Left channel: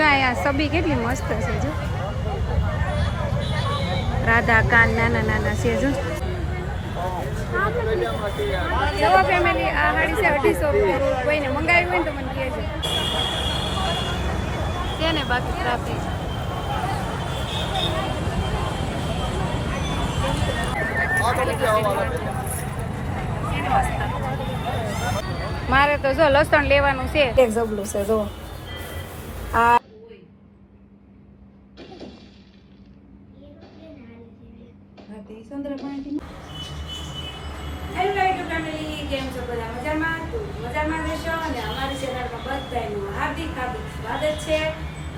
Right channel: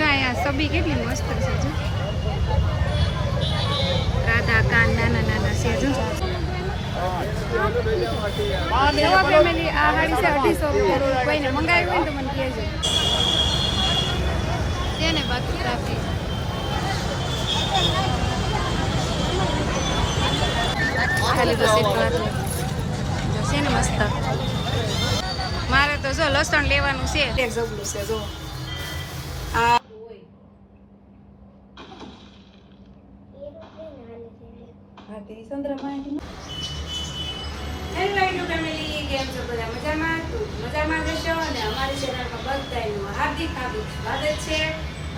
જો આ સબી કેટલી મસ્ત છે જો. રાધા કાન નાના નાના છે જો. નવા ફેમિલી આ સાડી છે અઢીસો રૂપિયાની. કોઈને મંગાવી હોય ને તો મને કહેજો. છે ને બાકી ટ્રાફિક ખાલી બસ છે ને મસ્ત. મારે તો જો લસણ લેવાનું છે. જબલું છે જો. આ હા તે ચંદ્રમાની હેલો રાઈડુ ફેમિલી કેમ છો બધા મજામાં? તો મજામાં રહેશો અને અમારી ચેનલમાં બધાનું હાર્દિક હાર્દિક સ્વાગત છે.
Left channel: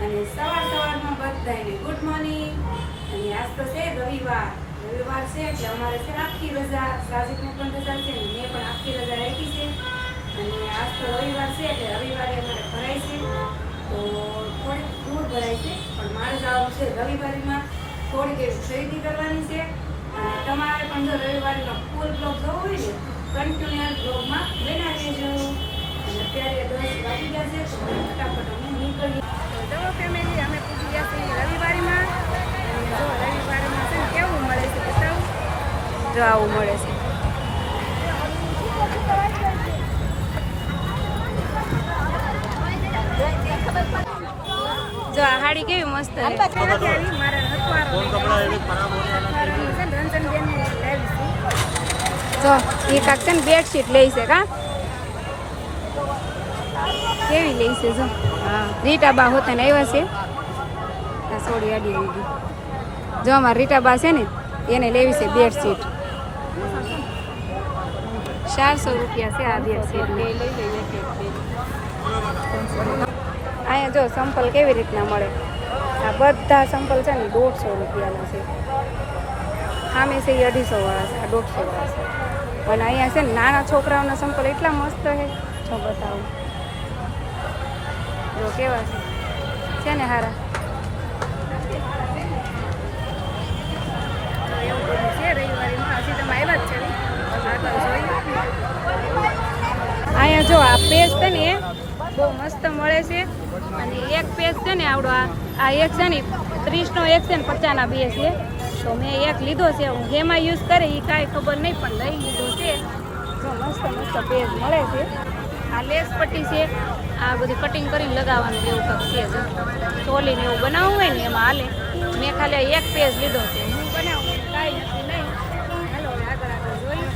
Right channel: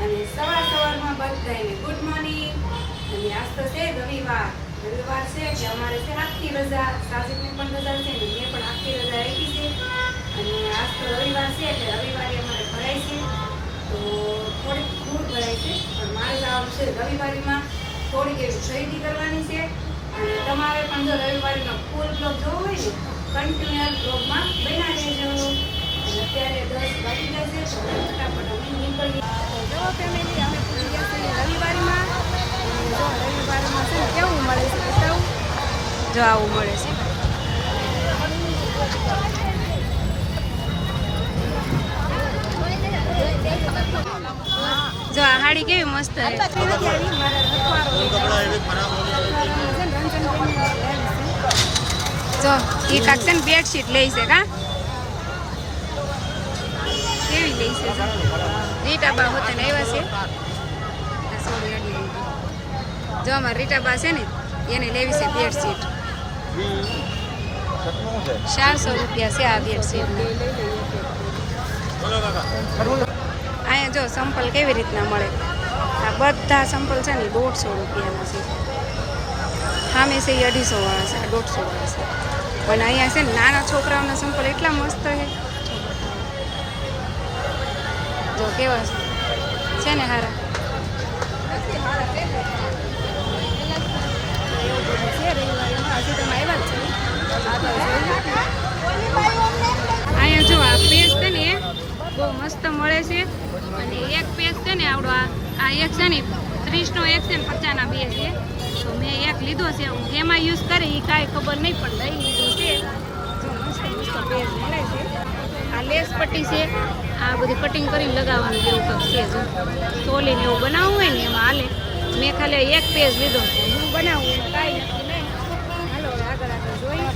અને સવાર સવારમાં બધાને ગુડ મોર્નિંગ અને આજ તો છે રવિવાર. રવિવાર છે કે અમારે છે આખી રજા. સાજિકને પણ રજા છે ને મેં પણ આખી રજા આપી છે. અને આજ તો રવિવાર છે એટલે રવિવારે અમારે ભરાય છે. તો થોડીક દૂર ભરાય છે, પણ મારે જવાનું છે રવિવારેમાં થોડીક એવી ખરીદી કરવાની છે. તમારે પણ જો રવિવારનો ફૂલ બ્લોગ જોવો હોય ને કન્ટિન્યુઅસ બ્લોગમાં બેઠા દેજો અત્યારે દસ વાગી જશે તો ફટાફટ અમે નીકળીએ. તો જો ફેમિલી અમે પૂછી ગયા છીએ રવિવારમાં. અને જો રવિવારમાં છે ને કેવું મળે છે બતાવું. જો આવું મળે છે. જો આ હાડી કેવી મસ્ત છે. નથી આવી મારા હથવારો છે ને રંજનબેન જો એ કાક છે ને બેડશીટ લઈ છે કા? કેવી લઈ છે જો? રીટાબા હોતા ને આવ્યા છે. આ સોરી આડી આવી જો અમારા રીટાબા છે ને એને લેવી છે બેડશીટ ચારસો રૂપિયા છે આ બેડશીટની અહીંયા જો સંપલ કેવી રીતના મળે? આ બધા સંપલ છે ને દોઢસો રૂપિયાના છે. સામે છે, એ અઢીસો વાળા છે, આ દોઢસો વાળા છે. અને અહીંયા છે ને નાના છોકરાઓના સંપલ એટલા મસ્ત છે. જો બતાવું. જો કેવા છે. છે ને હારા. એવું છે રવિવારીમાં હજી તમે આવ્યા જ છે તો અહીંયા જો આ પેજ છે ને બહુ મસ્ત મળે છે. અને એક પેજ છે ને આવડો આ એક છે ને ત્રીસનો એક છે ને પચાસના બે છે. તો મેં એક લીધો છે હું એમાં યુઝ કરે એ કાંઈ ખબર નહીં પણ લઈ લીધો છે. જો મસ્ત મસ્ત પેજ મળે છે. આ લેસ પટ્ટી છે આ બધું કટિંગ કરીને લગાવવાનું એવું કંઈક છે જો. ચોલીને એવું બનાવવું હોય ને એમાં હાલે. મેં ખાલી એક પેજ લીધો છે. હું બનાવું કાંઈ નથી નહીં. હાલો હવે આગળ આગળ જોઈ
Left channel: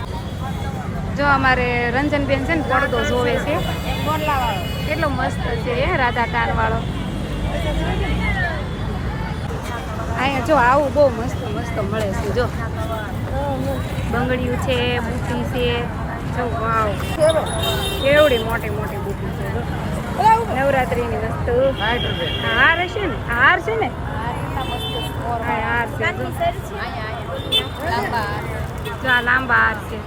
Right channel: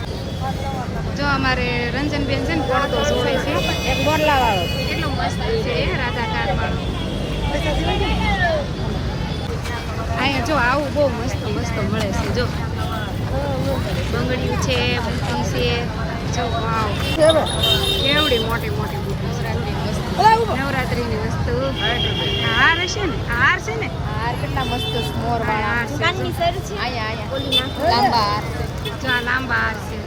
જો અમારે રંજનબેન છે ને પડદો જોવે છે. કેટલો મસ્ત છે એ રાધા કાન વાળો અહીંયા જો આવું બહુ મસ્ત મસ્ત મળે છે, જો. બંગડીયું છે, બુટી છે. જો, વાવ. કેવડી મોટી મોટી બુટી છે, જો. નવરાત્રીની વસ્તુ. હાર હશે ને? હાર છે ને? હાર છે, જો. આ લાંબા હાર છે.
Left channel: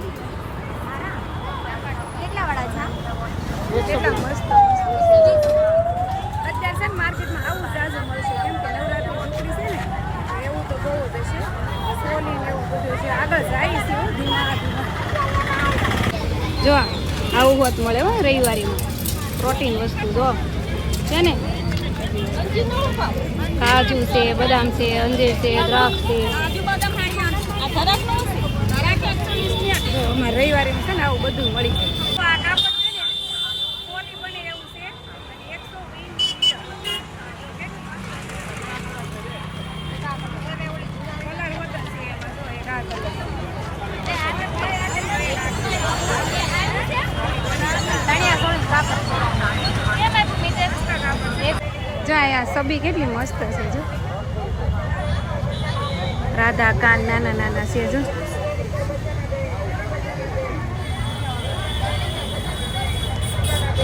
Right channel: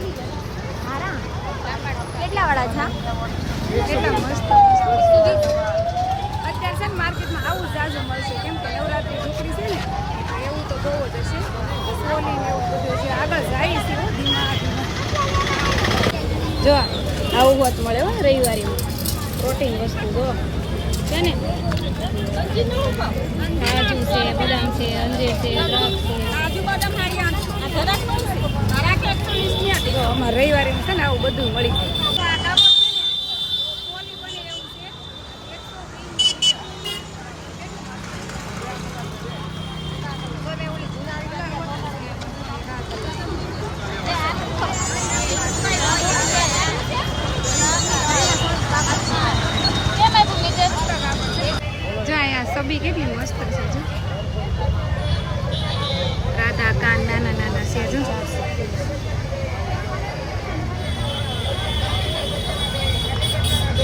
કેટલા વાળા છે મસ્ત મસ્ત છે અત્યારે છે માર્કેટમાં આવું જ મળશે. કેમ કે નવરાત્રી ઝૂંપડી છે ને? તો બહુ જ હશે. સોની ને એવું બધું છે આગળ જાય છે ધીમા ધીમા. જો, આવું હોત મળે હો રવિવારીમાં. પ્રોટીન વસ્તુ, જો. છે ને? કાજુ છે, બદામ છે, અંજીર છે, દ્રાક્ષ છે. અમારે રવિવારે છે ને આવું બધું મળી જાય તો આ કાપડ છે ને સોલી બને એવું છે અને એકસો વીસ મીટર કેટલું મસ્ત છે. અને ઓલી કલર હોટલ છે એમાં જો એક આ કલર અહીંયા સબી કેટલી મસ્ત છે જો. રાધા કાન નાના નાના છે જો.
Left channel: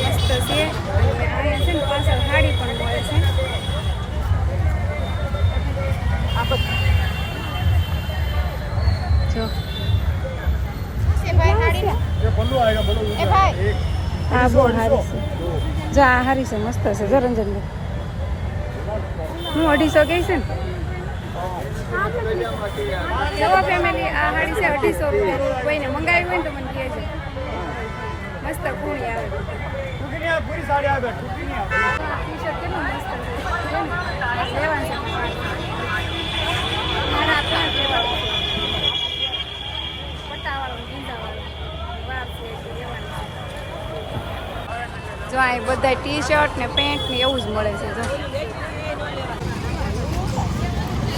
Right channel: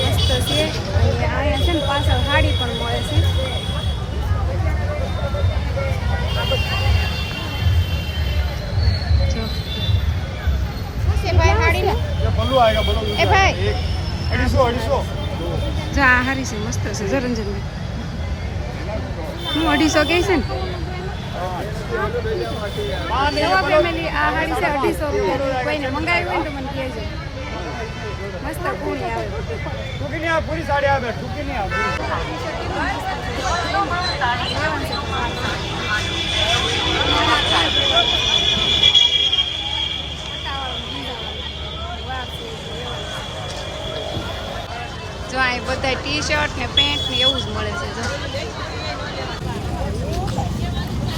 મસ્ત છે. અને અહીંયા છે ને પાછળ સાડી પણ મળે છે. જો. એ ભાઈ. આ. જો આ હારી છે મસ્ત છે જો રંજનભાઈ. હું અઢીસો કહે છે ને? નવા ફેમિલી આ સાડી છે અઢીસો રૂપિયાની. કોઈને મંગાવી હોય ને તો મને કહેજો મસ્ત કુણી આવે. પૂરી સાડી આવે છે. છે? આ લેવાનું છે છે. મારા છે. છે જો અહીં બધા ટી શર્ટ ને પેન્ટ ને એવું જ મળે છે જો.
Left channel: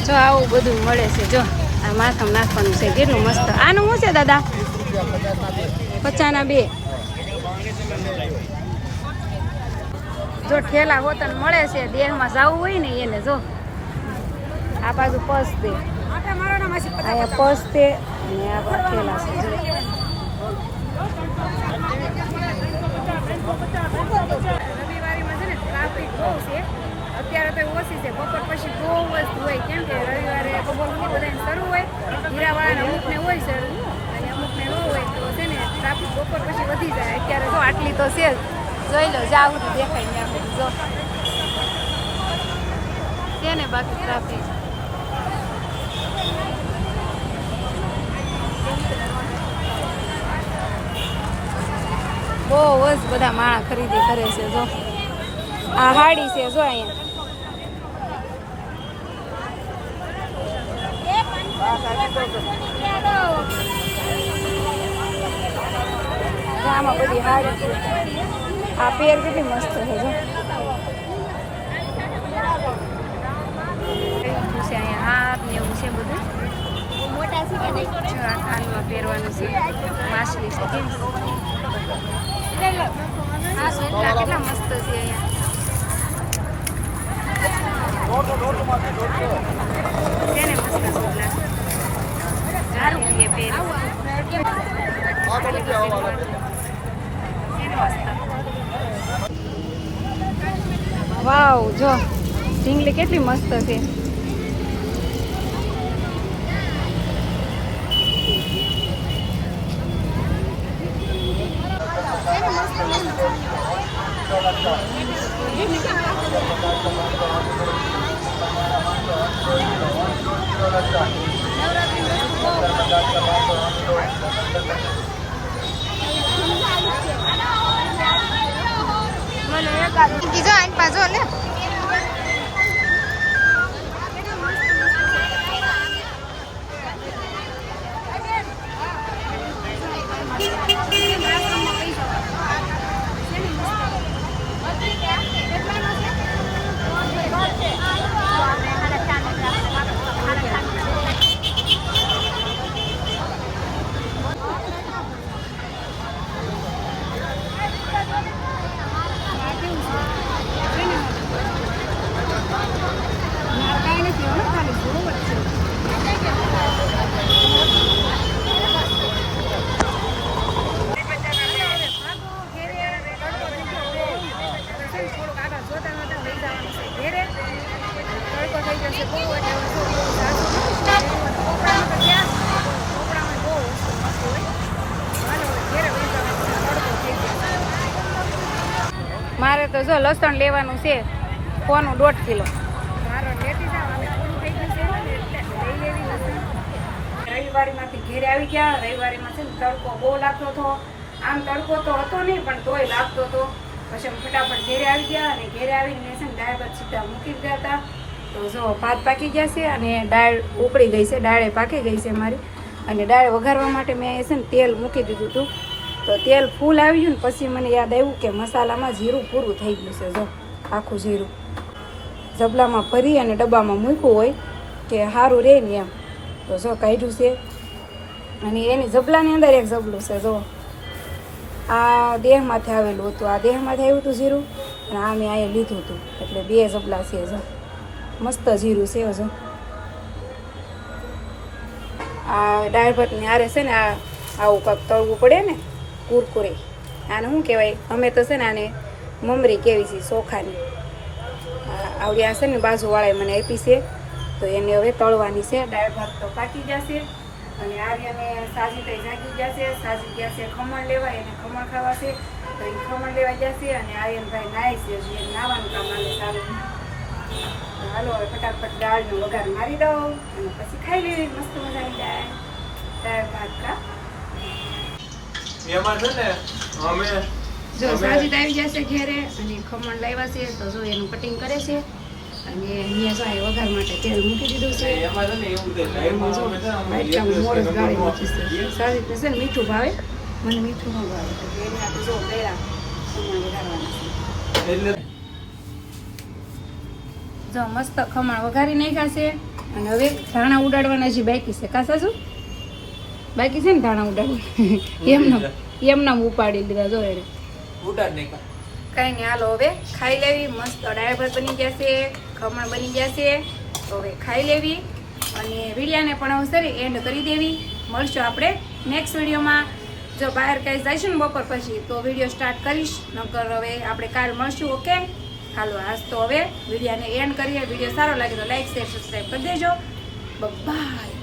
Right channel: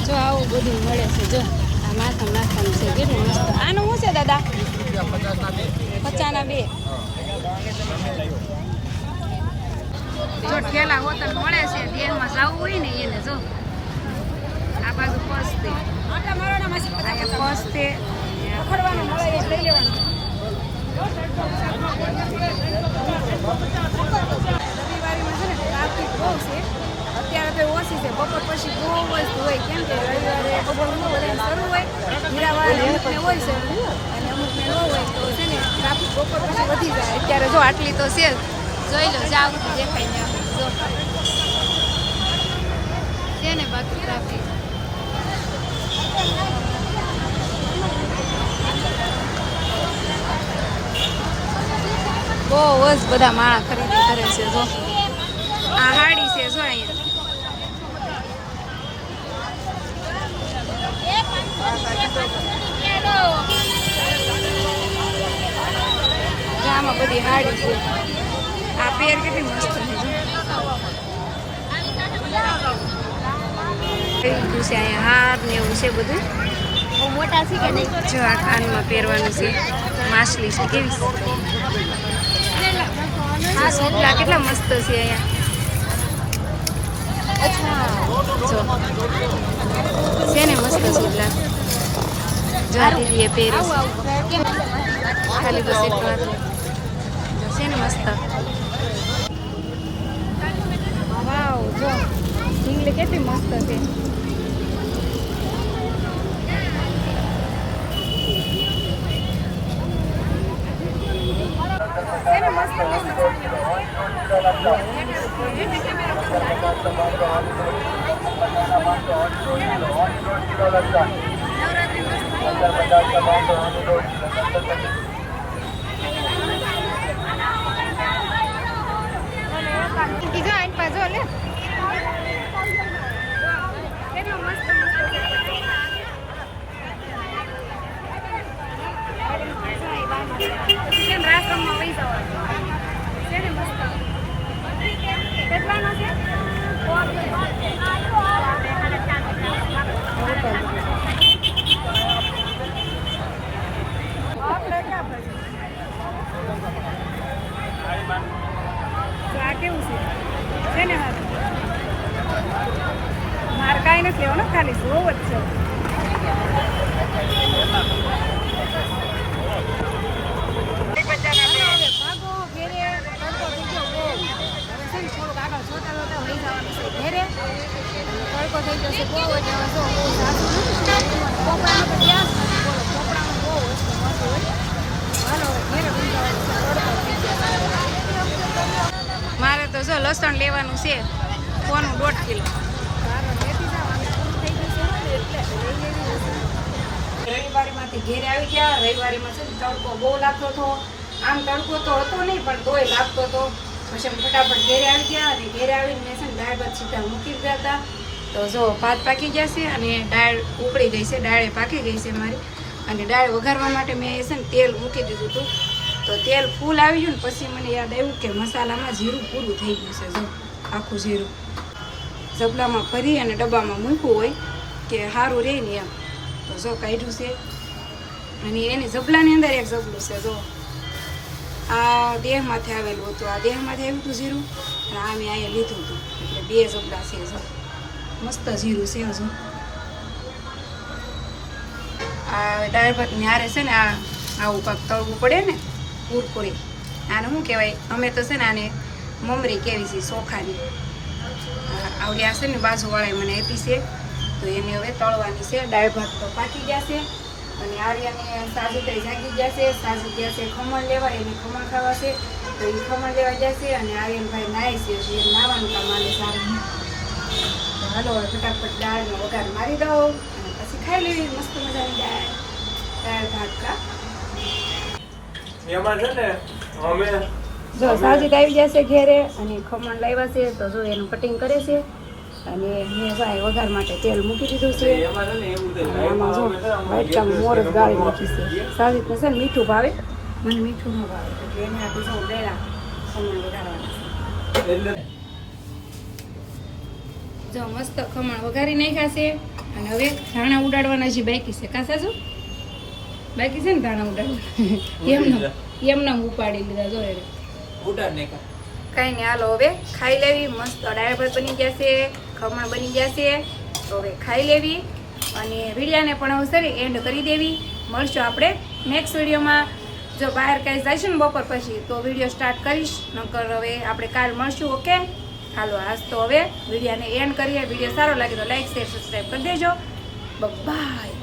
જો આવું બધું મળે છે, જો. આ માથું નાખવાનું છે. કેટલું મસ્ત. આનું શું છે, દાદા? પચાના બે. જો ઠેલા હોતન મળે છે દેહમાં જવું હોય ને એને, જો. આ બાજુ પસ દે. પર્સ દે અને આ ઠેલા છે છે ને, ટ્રાફિક બહુ છે. અત્યારે તો ઓછી છે બપોર પછી બહુ વસ્તુ હોય. કેમ કે રવિવારે બપોર બહુ બધાને શરૂ હોય. હીરાવાળાને અમુકને હોય શરૂ, અને અમુકને ન હોય તો છે ને ટ્રાફિક બપોર પછી વધી જાય. અત્યારે જો આટલી તો છે. જોઈ લો, જાવ તો દેખાય ને જો. છે ને બાકી ટ્રાફિક. બહુ જ બધા માણા ખરીદી કરે છે, જો. આ હાડી છે, જો અહીંયા. આમાં બધી હાડી છે. આ પેર કેટલી મસ્ત છે, જો. છે અહીંયા હાર ને એવું છે બધું. જો આ કાનમાં પહેરવાનું છે. માછલી છે, કેવી આ સૂટલા કેટલા મસ્ત છે અહીંયા. છે ને મસ્ત સૂટલા જો દીદીએ પહેરે ખાલી બસ એટલું છે ને મસ્ત વાવ જો ઢીંગલી કેટલી મસ્ત છે. છે કીજો આઈન પાછો લે આ કેવું છે છે ને હારું? મારે કાંઈ નથી લેવાનું ખાલી જોવું જ છે હાલો હવે ભાગો ઘેરે તડકો થઈ ગયો બહુ હવે છે ને થોડુંક આગળ જોતા જોતા વહી જવાનું છે ઘેરે અને તડકો થઈ જશે બહુ એટલે હવે જો બહુ ઝાઝું નથી શું લીધું અને પોપડામાં તો ગેસ નથી બોલો પોપડામાં બહુ વસ્તુ મળતી હોય હાલો હવે ઘેરે વહી જવાનું છે તડકો થઈ ગયો મારે તો જો લસણ લેવાનું છે કોનું દોઢ કિલો. સારો લેતી જાવ અમે થઈ ગયું છે ને એટલે લઈ રવિવારીમાંથી ઘેરે આવી ગયા રવિવારીમાં છે તડકો બહુ લાગતો હતો. આમ તડકો તો હતો નહીં પણ તોય લાગતો હતો. પછી અમે ફટાફટ ઘેરે આવી ગયા અને ઘેરે આવીને મેં છે ને દાળ ભાત સીધા મૂકી દીધા હતા. તો જો ભાત પાકી ગયા છે અને દાળ ઉકળી ગઈ છે દાળે પાકી ગઈ છે મારી. અને દાળ વઘારવા માટે મેં છે ને તેલ મૂકી દીધું હતું. તો તેલ ફૂલ આવી ગયું ને પછી મને યાદ આવ્યું કે મસાલામાં જીરું પૂરું થઈ ગયું છે, જો, આખું જીરું. ઝબલામાં ભરી અને ડબ્બામાં મૂક્યું હોય કે સારું રહે ને એમ. તો જો, કાઢ્યું છે. અને એની ઝબલાની અંદર એક ઝબલું છે, જો. આ દેહમાંથી આવેલું હતું. આ દેહમાંથી આવ્યું હતું જીરું અને આ મેં અહીંયા લીધું હતું. એટલે બે ઝબલા છે, જો. મસ્ત જીરું છે, જો. આ ભાતની હારે છે ને આ આવું કાંક તળવું પડે ને કુરકુરે. આને શું કહેવાય? અમે તો છે ને આને મમરી કેવી છે ચોખાની. આવડ્યા આવડી આ ને બાજુવાળાએ મને આપી છે, તો એને હવે તળવાની છે. દાળ ભાત તો પાકી જશે અને આર્યાને સાજીતે જાગી જશે. સાજી ગયા છે, ખમણ લેવા એને ખમણ ખાવા છે, તો એ ખમણ લેવા જશે અને આર્યનભાઈ નાય છે. જે નાવાનું કામ આલે સારું. તો હાલો ફટાફટ દાળનો વઘાર મારી દઉં અને પછી ખાઈ લેવી મસ્ત મજાની દાળ દાળ ભાત કા એમાં છે ને અમે જો સાજીદ આવી જશે ઘેરે અને ખમણ લાવ્યા છે તો જો એનું કટિંગ કરે છે અને મેં જો આ વઘાર માટે તેલ મૂકી દીધું છે. એમાં જો વાટકામાં મોર જ ગાળી મૂકી છે. સાજીદને છે ને મીઠું ભાવે. મને મીઠું ન ભાવે એટલે એને આટલું જો ગળા ખમણ વઘારવાના છે. જો મસ્ત ખમણ વઘારી નાખ્યા છે. અને હવે ધાણા ઉડાડવાના જે બાકી છે. કા સાસુ? બાકી છે ને ધાણા ઉડાડવા. એમનામ એમનામ ઉપાડી લીધા જો એને કઈ નહીં હાલો હવે ખાઈ લેવી. મસ્ત ભાત બની જશે ખમણ બની જશે. તો હવે ખાઈ લેવી અને વિડિયાને પણ હવે સરી એન્ડ કરી દેવી. મળશું આપણે નેક્સ્ટ વિડીયોમાં. જો બહાર કાંઈ જઈશું ને બપોર પછી તો વીડિયો સ્ટાર્ટ કરીશ. નકર હવે આપણે કાલ મળશું ઓકે? હાલો આજ તો હવે વિડીયાને એન્ડ કરીએ. વીડિયો સારો લાગે તો લાઈક શેર સબસ્ક્રાઈબ કરી દેજો. બાય